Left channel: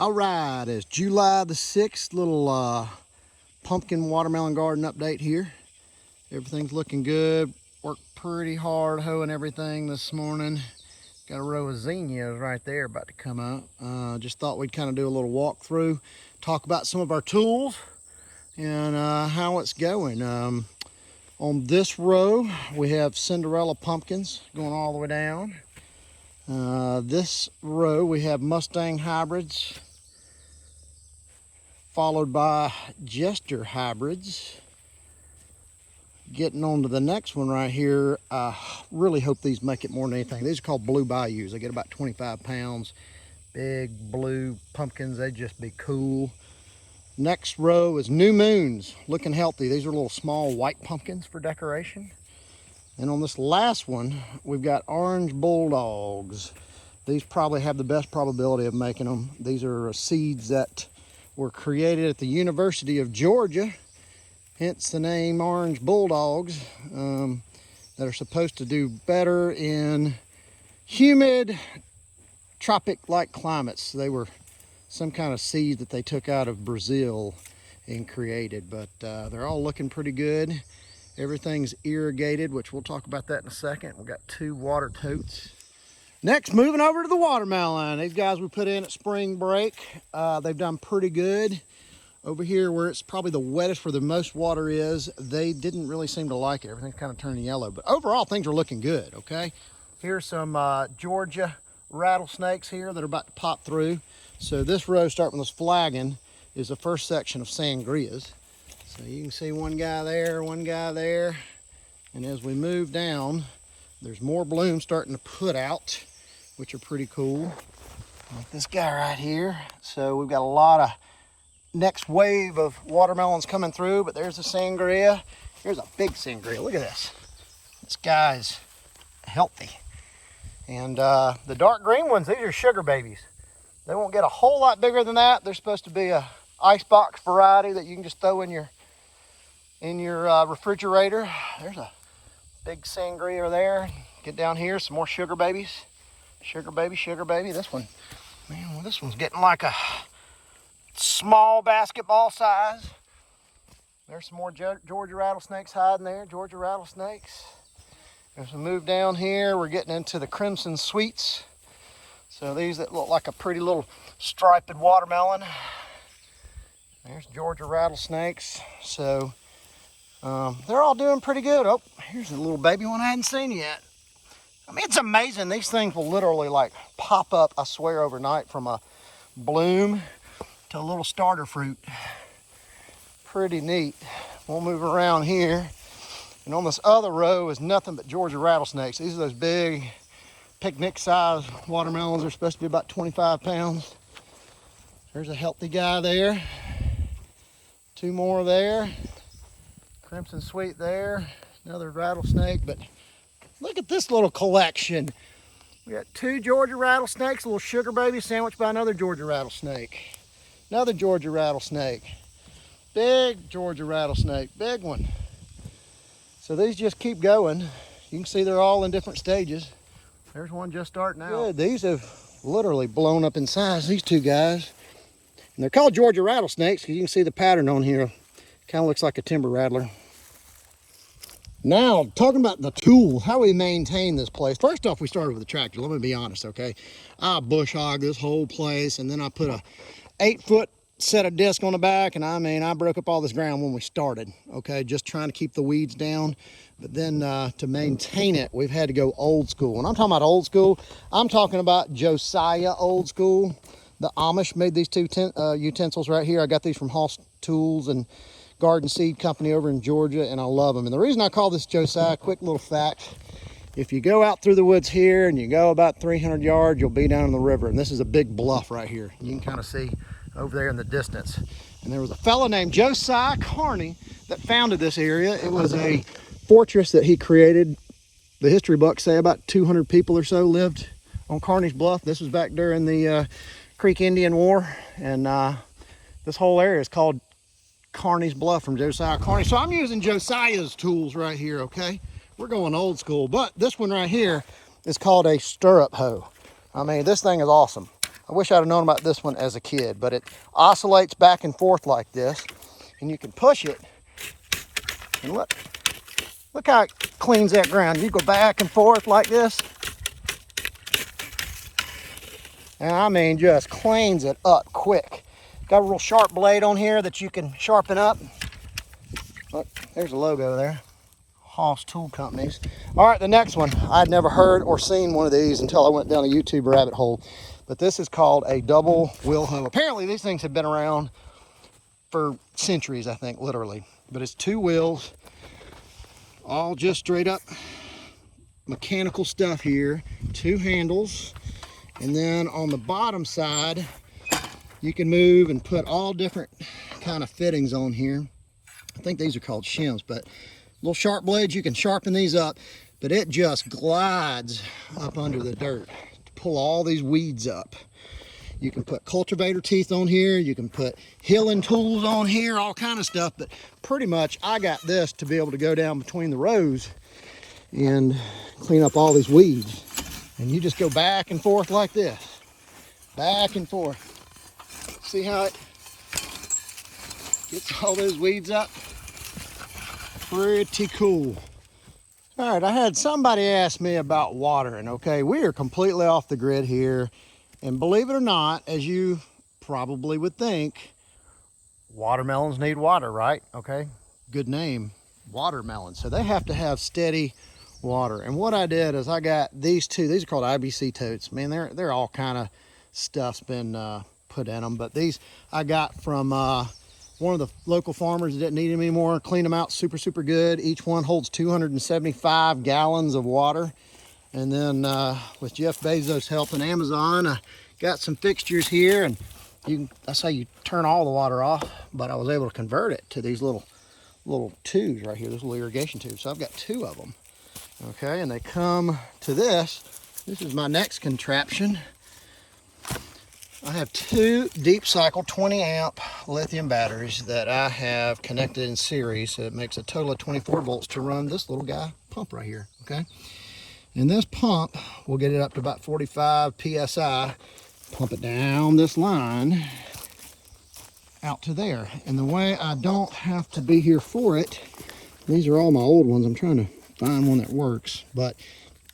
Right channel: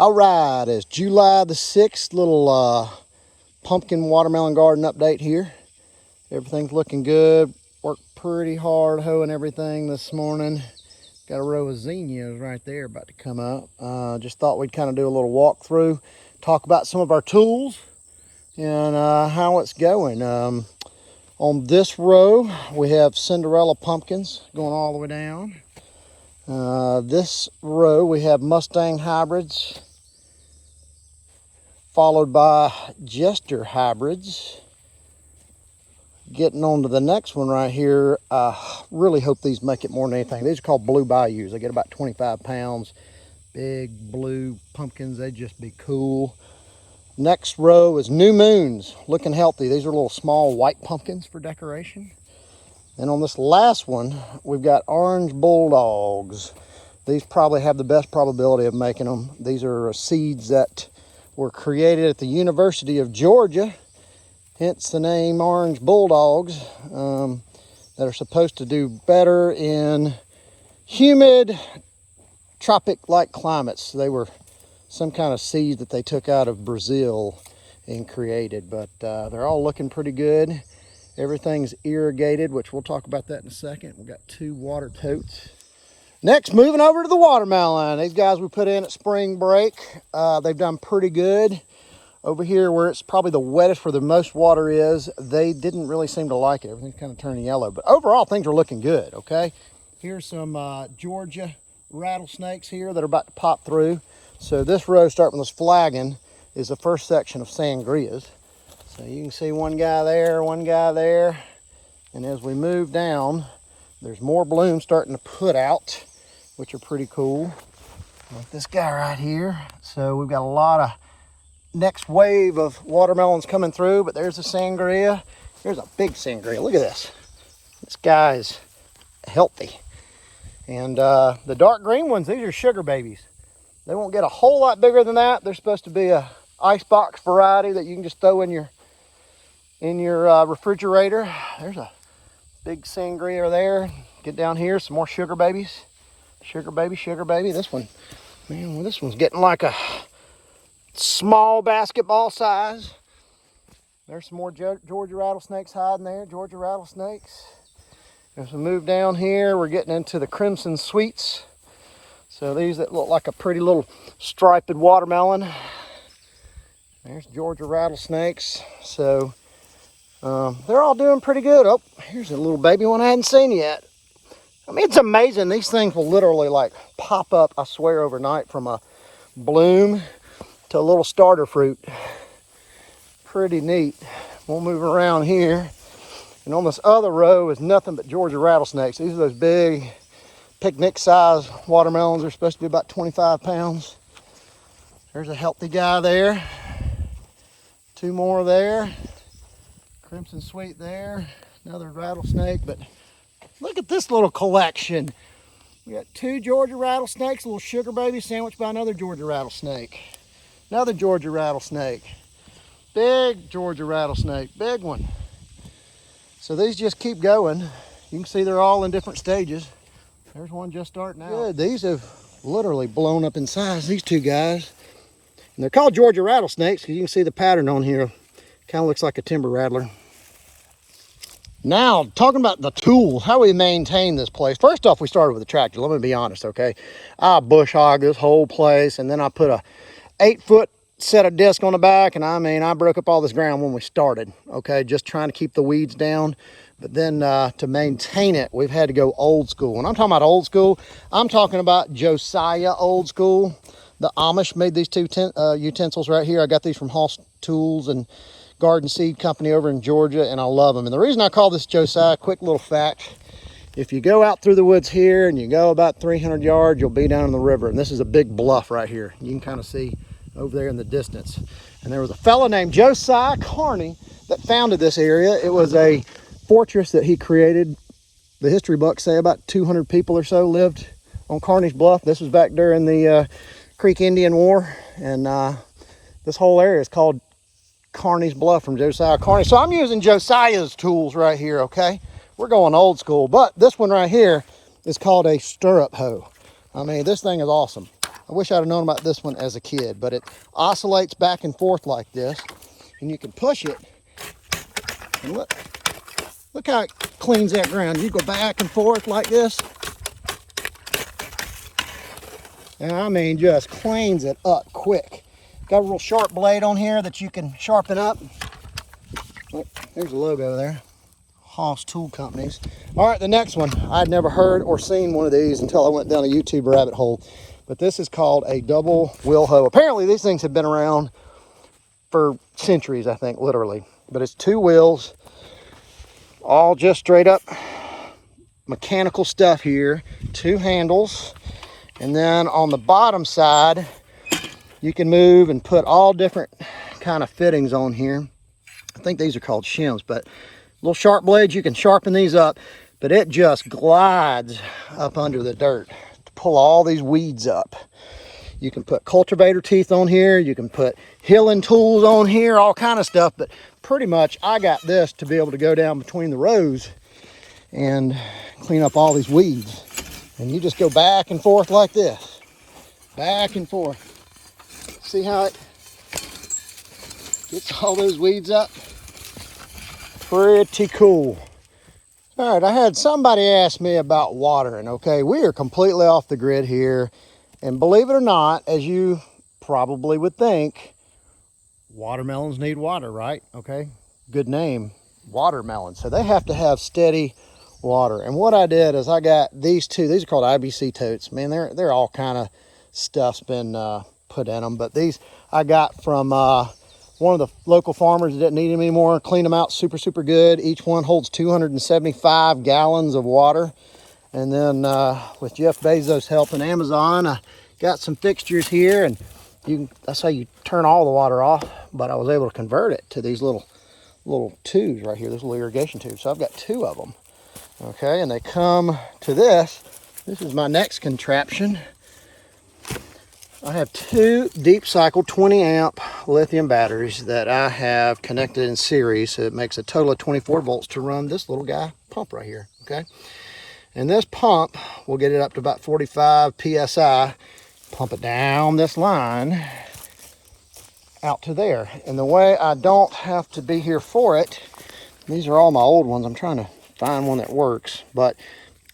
All right, it's July the 6th, little pumpkin watermelon garden update here. Everything's looking good. Worked pretty hard hoeing everything this morning. Got a row of zinnias right there about to come up. Just thought we'd kind of do a little walkthrough, talk about some of our tools and how it's going. On this row, we have Cinderella pumpkins going all the way down. This row, we have Mustang hybrids, followed by Jester hybrids. Getting on to the next one right here, I really hope these make it more than anything. These are called Blue Bayous. They get about 25 pounds. Big blue pumpkins, they'd just be cool. Next row is New Moons, looking healthy. These are little small white pumpkins for decoration. And on this last one, we've got Orange Bulldogs. These probably have the best probability of making them. These are seeds that were created at the University of Georgia, hence the name Orange Bulldogs, that are supposed to do better in humid, tropic-like climates. They were some kind of seed that they took out of Brazil and created, but they're all looking pretty good. Everything's irrigated, which we'll talk about that in a second. We've got 2 water totes. Next, moving over to the watermelon. These guys we put in at spring break. They've done pretty good. Over here where it's probably the wettest, where the most water is, they didn't really seem to like it. Everything's kind of turning yellow, but overall things are looking good, okay? Here's some Georgia rattlesnakes here that are about to pop through. So this row, starting with this flagon, is the first section of sangrias. So you can see one guy there, and as we move down, there's more blooms starting to put out, which are pretty cool. Like this guy right here. So we've got a lot of next wave of watermelons coming through, but there's a sangria. There's a big sangria. Look at this. This guy's healthy. And the dark green ones, these are sugar babies. They won't get a whole lot bigger than that. They're supposed to be a icebox variety that you can just throw in your refrigerator. There's a big sangria there. Get down here, some more sugar babies. Sugar baby. This one's getting like a small basketball size. There's some more Georgia rattlesnakes hiding there. Georgia rattlesnakes. As we move down here, we're getting into the crimson sweets. So these that look like a pretty little striped watermelon. There's Georgia rattlesnakes. So they're all doing pretty good. Oh, here's a little baby one I hadn't seen yet. I mean, it's amazing. These things will literally like pop up, I swear, overnight from a bloom to a little starter fruit. Pretty neat. We'll move around here. And on this other row is nothing but Georgia rattlesnakes. These are those big picnic size watermelons. They're supposed to be about 25 pounds. There's a healthy guy there. 2 more there. Crimson sweet there. Another rattlesnake, but look at this little collection. We got 2 Georgia rattlesnakes, a little sugar baby sandwiched by another Georgia rattlesnake. Another Georgia rattlesnake. Big Georgia rattlesnake, big one. So these just keep going. You can see they're all in different stages. There's one just starting out. Good. These have literally blown up in size, these 2 guys. And they're called Georgia rattlesnakes because you can see the pattern on here. Kind of looks like a timber rattler. Now, talking about the tools, how we maintain this place. First off, we started with a tractor. Let me be honest, okay? I bush hogged this whole place, and then I put a 8-foot set of disc on the back, and I broke up all this ground when we started, okay? Just trying to keep the weeds down. But then to maintain it, we've had to go old school. When I'm talking about old school, I'm talking about Josiah old school. The Amish made these 2 utensils right here. I got these from Hoss Tools and Garden Seed Company over in Georgia, and I love them. And the reason I call this Josiah, quick little fact, if you go out through the woods here and you go about 300 yards, you'll be down in the river. And this is a big bluff right here. You can kind of see over there in the distance. And there was a fellow named Josiah Carney that founded this area. It was a fortress that he created. The history books say about 200 people or so lived on Carney's Bluff. This was back during the Creek Indian War. And this whole area is called Carney's Bluff from Josiah Carney. So I'm using Josiah's tools right here, okay? We're going old school, but this one right here is called a stirrup hoe. I mean, this thing is awesome. I wish I'd have known about this one as a kid, but it oscillates back and forth like this, and you can push it, and look how it cleans that ground. You go back and forth like this, and I mean just cleans it up quick. Got a real sharp blade on here that you can sharpen up. Look, there's a logo there. Haas Tool Companies. All right, the next one. I'd never heard or seen one of these until I went down a YouTube rabbit hole. But this is called a double wheel hoe. Apparently these things have been around for centuries, I think, literally. But it's 2 wheels, all just straight up mechanical stuff here. 2 handles. And then on the bottom side, you can move and put all different kind of fittings on here. I think these are called shims, but little sharp blades, you can sharpen these up, but it just glides up under the dirt to pull all these weeds up. You can put cultivator teeth on here, you can put hilling tools on here, all kind of stuff, but pretty much I got this to be able to go down between the rows and clean up all these weeds. And you just go back and forth like this, back and forth. See how it gets all those weeds up? Pretty cool. All right, I had somebody ask me about watering. Okay, we are completely off the grid here. And believe it or not, as you probably would think, watermelons need water, right? Okay, good name, watermelon. So they have to have steady water. And what I did is I got these 2. These are called IBC Totes. Man, they're all kind of stuff's been put in them. But these I got from one of the local farmers that didn't need them anymore. Cleaned them out super good. Each one holds 275 gallons of water. And then with Jeff Bezos helping Amazon, I got some fixtures here, and that's how you turn all the water off. But I was able to convert it to these little tubes right here, this little irrigation tube. So I've got 2 of them. Okay, and they come to this. This is my next contraption. I have 2 deep cycle 20 amp lithium batteries that I have connected in series. So it makes a total of 24 volts to run this little guy pump right here, okay? And this pump will get it up to about 45 PSI, pump it down this line out to there. And the way I don't have to be here for it, these are all my old ones. I'm trying to find one that works, but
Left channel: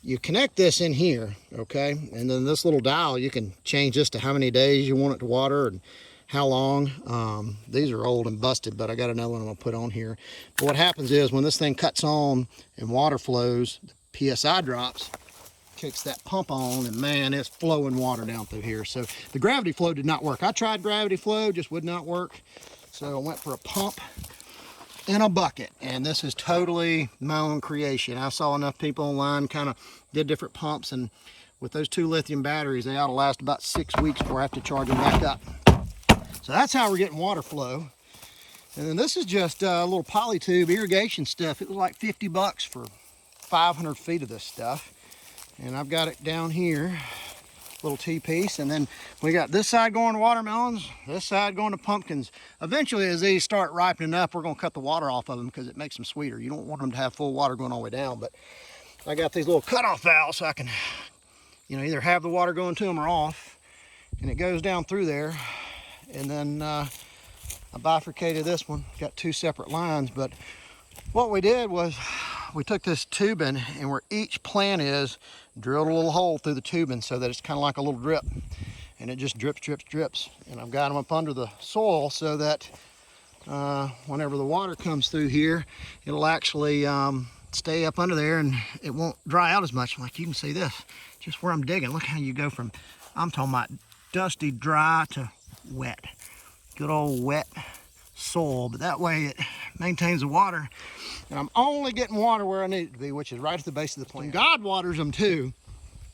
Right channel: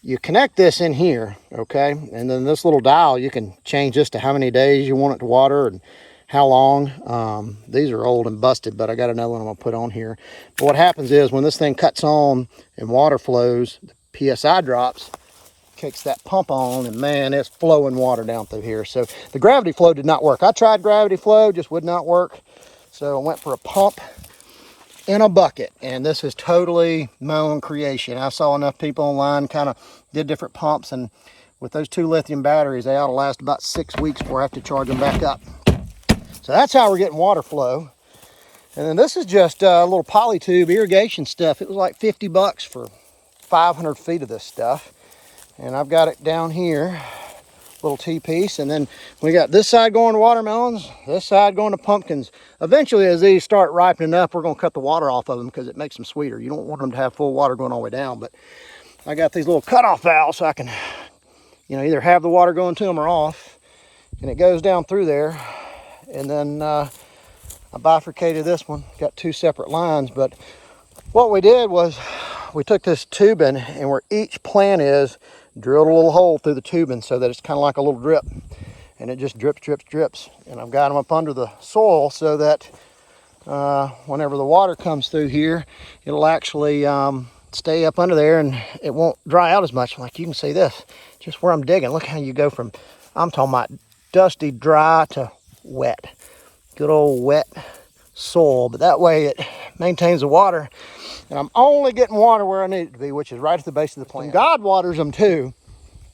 you connect this in here, okay? And then this little dial, you can change this to how many days you want it to water and how long. These are old and busted, but I got another one I'm gonna put on here. But what happens is when this thing cuts on and water flows, the PSI drops, kicks that pump on, and man, it's flowing water down through here. So the gravity flow did not work. I tried gravity flow, just would not work. So I went for a pump in a bucket, and this is totally my own creation. I saw enough people online kind of did different pumps, and with those 2 lithium batteries, they ought to last about 6 weeks before I have to charge them back up. So that's how we're getting water flow. And then this is just a little poly tube irrigation stuff. It was like 50 bucks for 500 feet of this stuff. And I've got it down here, little T-piece, and then we got this side going to watermelons, this side going to pumpkins. Eventually, as these start ripening up, we're going to cut the water off of them because it makes them sweeter. You don't want them to have full water going all the way down, but I got these little cutoff valves so I can, either have the water going to them or off, and it goes down through there. And then I bifurcated this one, got 2 separate lines. But what we did was we took this tubing, and where each plant is, drilled a little hole through the tubing so that it's kind of like a little drip, and it just drips. And I've got them up under the soil so that whenever the water comes through here, it'll actually stay up under there and it won't dry out as much. Like you can see this, just where I'm digging. Look how you go from, I'm talking about dusty, dry to wet. Good old wet soil, but that way it maintains the water. And I'm only getting water where I need it to be, which is right at the base of the plant. And God waters them too,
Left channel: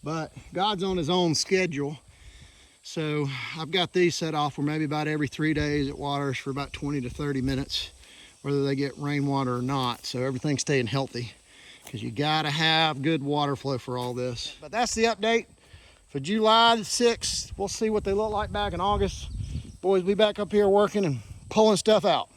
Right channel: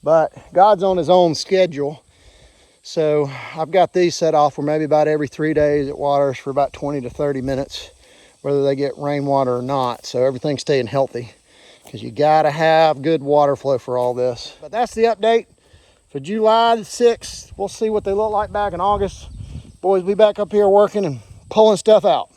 but God's on his own schedule. So I've got these set off where maybe about every 3 days it waters for about 20 to 30 minutes, whether they get rainwater or not. So everything's staying healthy, because you gotta have good water flow for all this. But that's the update for July the 6th. We'll see what they look like back in August. Boys, be back up here working and pulling stuff out.